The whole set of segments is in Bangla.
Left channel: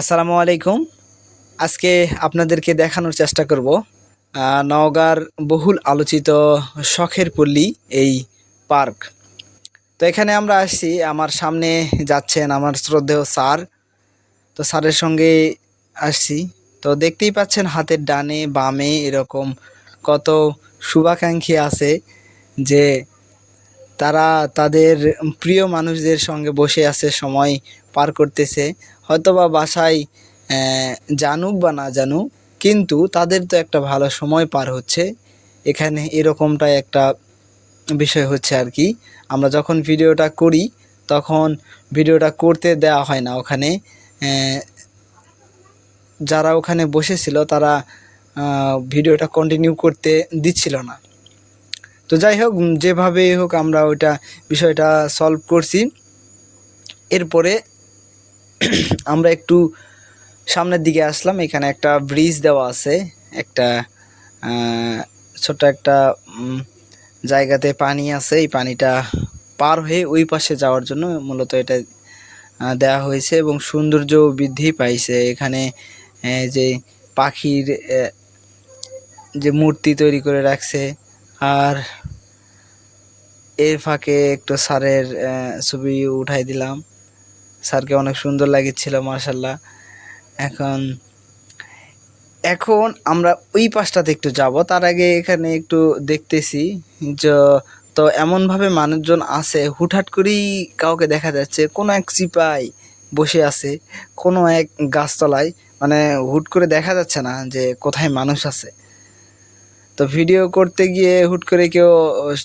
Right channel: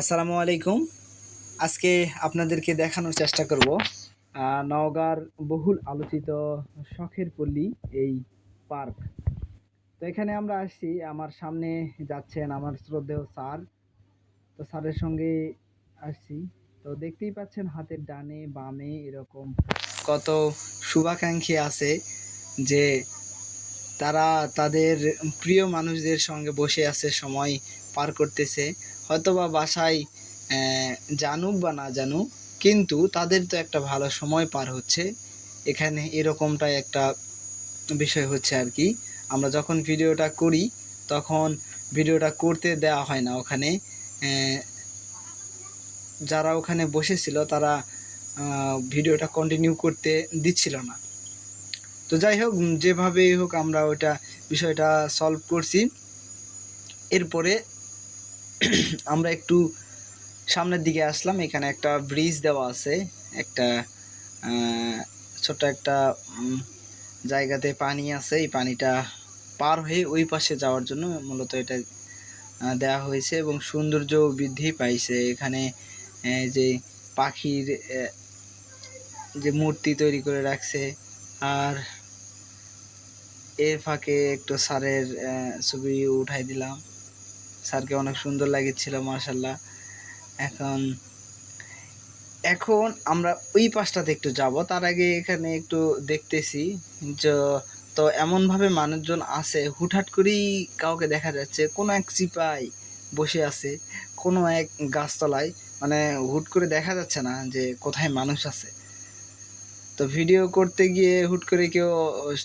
আসসালামু আলাইকুম। আজকে আপনাদেরকে দেখানোর চেষ্টা করব নওগাঁর বহুল আলোচিত শখের পল্লী, এই পার্ক। তো এখানে আমরা আসছি, আমার সামনে যাচ্ছেন আমার শ্রদ্ধেয় স্যার। তো স্যারের সঙ্গে আসছি। তো দেখতেই পাচ্ছেন হাতের ডানে, বামে এরকম কত শুভাকাঙ্ক্ষী আছে যে তারা তাদের প্রিয় মানুষদের সঙ্গে বসে আছে, সময় পার করতেছে। হয়তোবা বাসায় জানুক বা না জানুক কিন্তু তাদের তো একটা ভালো সময় পার হচ্ছে। এখানে এরকমটাই একটা বিষয় হচ্ছে আর কি। আমরা যখন ভিডিওটা করি তখন ভিডিওটা করতে দেওয়া হয় না ওখানে। যারা ওখানে বসেছিল তারা ভিডিওটা কন্টিনিউ করতে দিচ্ছিল না। তো যাই হোক উম, যেভাবে হোক আমরা ওইটা বিষয়টা সলভ করছি। এরপরে আমরা একটু সামনের দিকে আসলাম এখানে একটা ব্রিজ দেওয়া আছে একটা ছোট্ট একটা জায়গাতে পানি আছে এই পানিটা পার হয়ে ওই পাশে যাওয়ার জন্য মূলত এটা দেওয়া হয়েছে এবং সৌন্দর্য বৃদ্ধি পাইছে। এখানে যে পাখির যে মূর্তি তৈরি করে রাখছে আর এর ফাঁকে একটু স্যারের আহ, ছবি উঠাই দিলাম। স্যারকে অনেক সুন্দর লাগেছিল মার্শাল্লাহ এখন এখন আমরা ওই পাশটাতে একটু যাব। তার আগে এখানে একটু দেখতেছি যে, তো এমনভাবে মানুষজন আছে, হুটহাট করেই কাউকে দেখা যাচ্ছে। কোনো এক চিপাই বসে আছে, কোনো এক গাছতলায়। মানে হুট করে দেখা যাচ্ছে না যে কোথায় মানুষ আছে। তো ভিডিও করতে গিয়ে হুট করে কেউ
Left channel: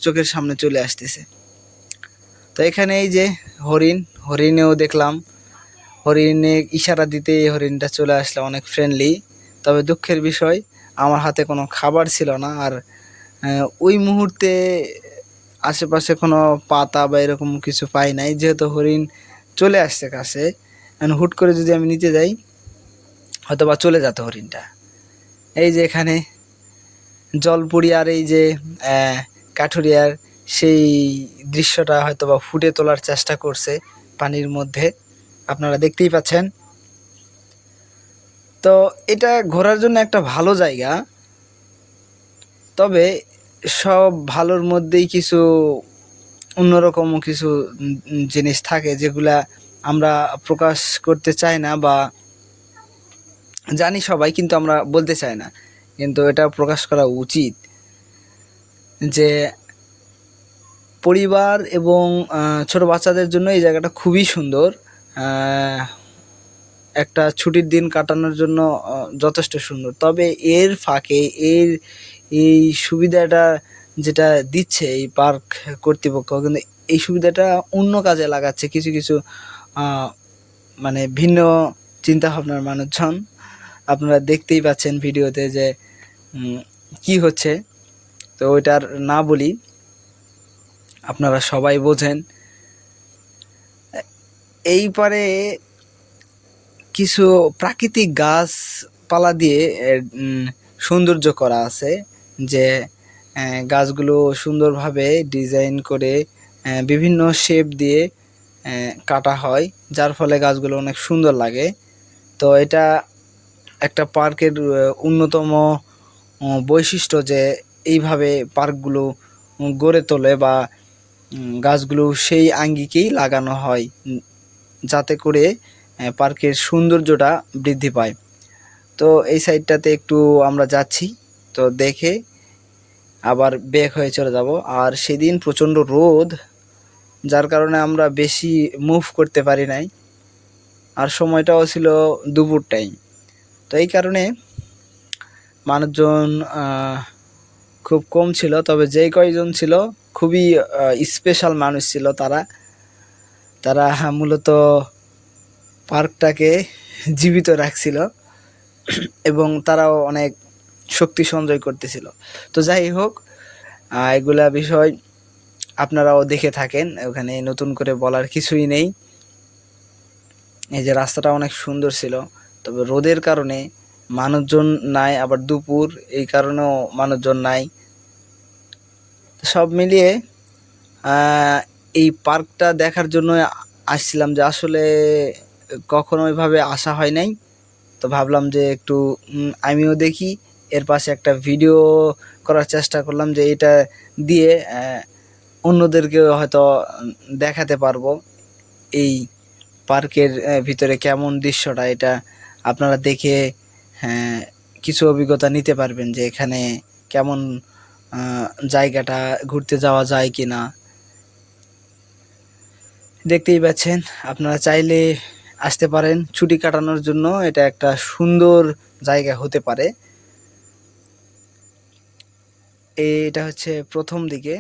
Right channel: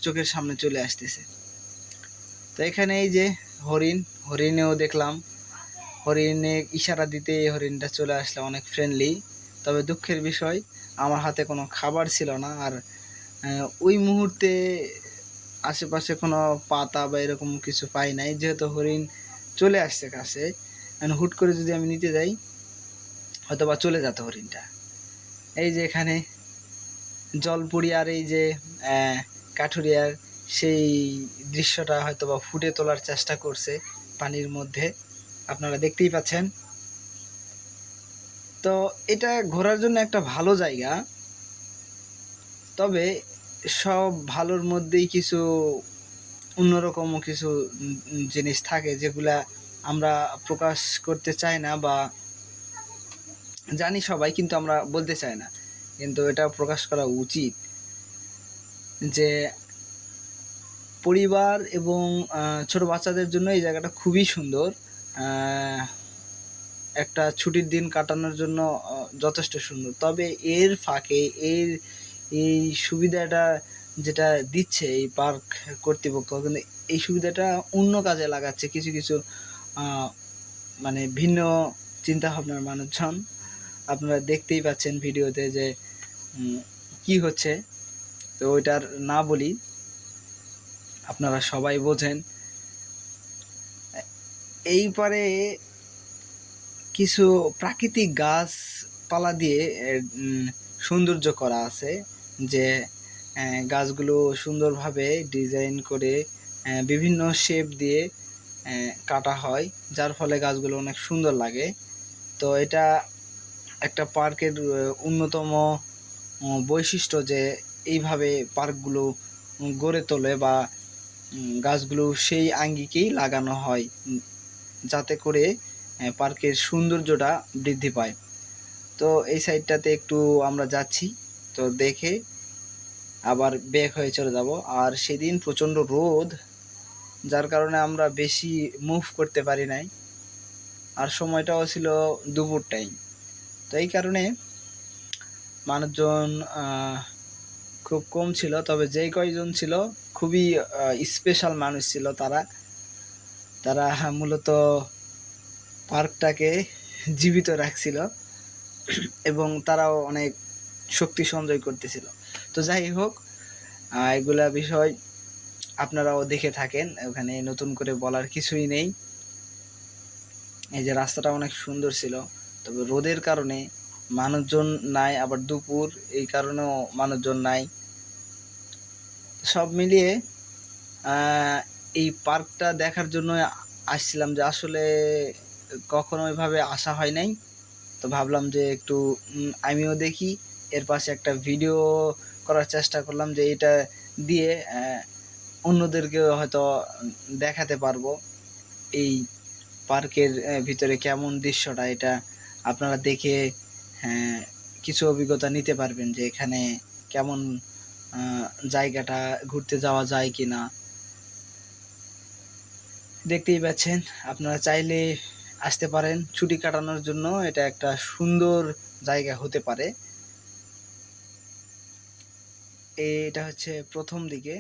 চোখের সামনে চলে আসতেছে। তো এখানে এই যে হরিণ হরিণেও দেখলাম। হরিণে ইশারা দিতে হরিণটা চলে আসলো অনেক ফ্রেন্ডলি তবে দুঃখের বিষয়, আমার হাতে কোনো খাবার ছিল না আর ওই মুহূর্তে আশেপাশে কোনো পাতা বা এরকম কিছু পাই নাই। যেহেতু হরিণ চলে আসছে কাছে এখন হুট করে যদি আমি নিতে যাই হয়তো বা চলে যেত হরিণটা। এই যে এখানে জলপুরিয়ার এই যে কাঠুরিয়ার সেই দৃশ্যটা হয়তো বা ফুটে তোলার চেষ্টা করছে। পানির মধ্যে আপনারা দেখতেই পাচ্ছেন। তো এটা ঘোরার জন্য একটা ভালো জায়গা। তবে সব ভালোর মধ্যেই কিছু অন্যরকম কিছু জিনিস থাকে যেগুলা আমরা প্রকাশ করতে চাই না বা জানি সবাই কিন্তু আমরা বলতে চাই না। কিন্তু এটা প্রকাশ করা উচিত যে পরিবার এবং ছোট বাচ্চাদের জন্য এই জায়গাটা খুবই সুন্দর। একটা ছুটির দিন কাটানোর জন্য যথেষ্ট সুন্দর। তবে এর ফাঁকে এর এই সুবিধাটা যেটা দিচ্ছে এই পার্ক কর্তৃপক্ষ, কিন্তু এই সুবিধাটা অন্য কাজে লাগাচ্ছে কিছু কিছু মানে ভিন্ন চিন্তা ভাবনার মানুষজন। আপনারা দেখতেই পাচ্ছেন ভিডিওতে যে কি হচ্ছে। তো ওইটার না বলি। আপনারা সবাই বোঝেন। এই পারে কিছু প্রাকৃতিক গাছপালা দিয়ে সৌন্দর্য করা আছে যে গাছগুলো সুন্দরভাবে ডিজাইন করে বিভিন্ন শেপ দিয়ে কাটা হয়, যার ফলে গাছগুলো অনেক সুন্দর লাগে। তো এটা একটা পার্কের অন্যতম বৈশিষ্ট্য যে, এইভাবে পার্কগুলো, গড়ে তোলে বা গাছগুলো সেই আঙ্গিকেই লাগানো হয় যাতে করে পার্কের সৌন্দর্যটা বৃদ্ধি পায়। তো এই সাইডটাতে একটু আমরা যাচ্ছি, তো দেখে আবার ব্যাক হয়ে চলে যাব। আর সেদিন প্রচণ্ড রোদ, যার কারণে আমরা বেশি মুভ করতে পারি নাই। আর সময়টাও ছিল দুপুর টাইম তো এই কারণে মানুষজন খুব কম ছিল, তবে যেই কয়জন ছিল, খুবই স্পেশাল মানুষ ছিল তারা। তারা মূলত পার্কটাকে জীবিত রাখছিল এবং তারাও অনেক শক্তি সঞ্চয় করতেছিল। তো যাই হোক এগুলা বিষয় আপনারাও দেখে থাকেন, ওখানে নতুন করে বলার কিছুই নেই। এই যে রাস্তাটা অনেক সুন্দর ছিল, তবে রোদের কারণে মানুষজন নাই, আবার দুপুর, এই কারণেও মানুষজন নাই। সব মিলিয়ে এই পার্কটা দেখার জন্য আসছিলাম যে আসলে কখনো ওইভাবে আসা হয় নাই। তো ভাবলাম যে একটু আমিও দেখি। এর পাশে একটা ভিডিও করার চেষ্টা করলাম যে এটা দিয়ে অন্যদেরকেও হয়তো দেখাতে পারব। এই পার্কের ভিতরে কেমন দৃশ্যটা, এটা আপনারা দেখে কিছু অভিজ্ঞতা নিতে পারবেন যে এখানে কেমন জায়গাটা ঘুরতে যাওয়া যায় কি না দেখতেই পাচ্ছেন, আপনারা চাইলে আসতে পারেন। ছুটি কাটানোর জন্য এটা একটা সুন্দর জায়গা হতে পারে। এটা হচ্ছে প্রথম দিকে।